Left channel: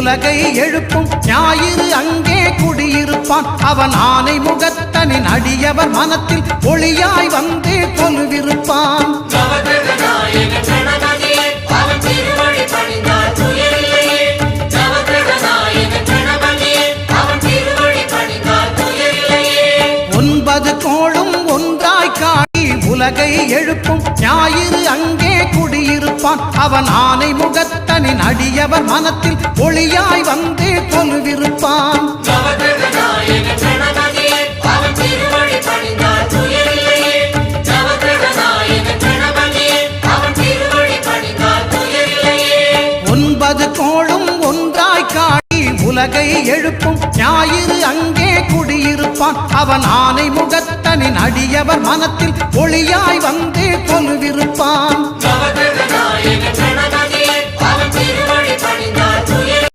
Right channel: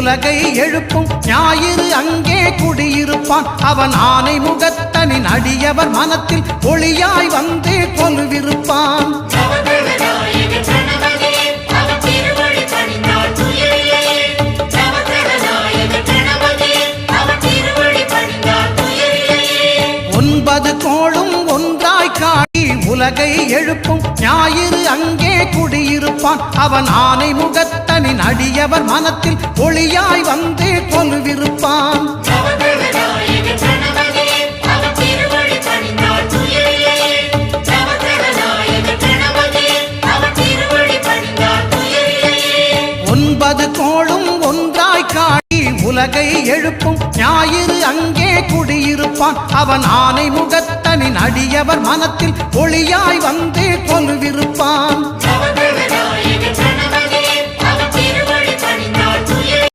உலகை எழுப்பும் ஞாயிறு அங்கே குடியிருப்பான். அவன் ஆனை முகத்தனின் அடியவர் மனத்தில் ஒளியாய் வந்து கொலுவிருப்பான். ஒன்பது கோளும் ஒன்றாய் காடி உலகை எழுப்பும் ஞாயிறு அங்கே குடியிருப்பான். அவன் ஆனை முகத்தனின் அடியவர் மனத்தில் ஒளியாய் வந்து கொலுவிருப்பான். ஒன்பது கோளும் ஒன்றாய் காடி உலகை எழுப்பும் ஞாயிறு அங்கே குடியிருப்பான். அவன் ஆனை முகத்தனின் அடியவர் மனத்தில் ஒளியாய் வந்து கொலுவிருப்பான்.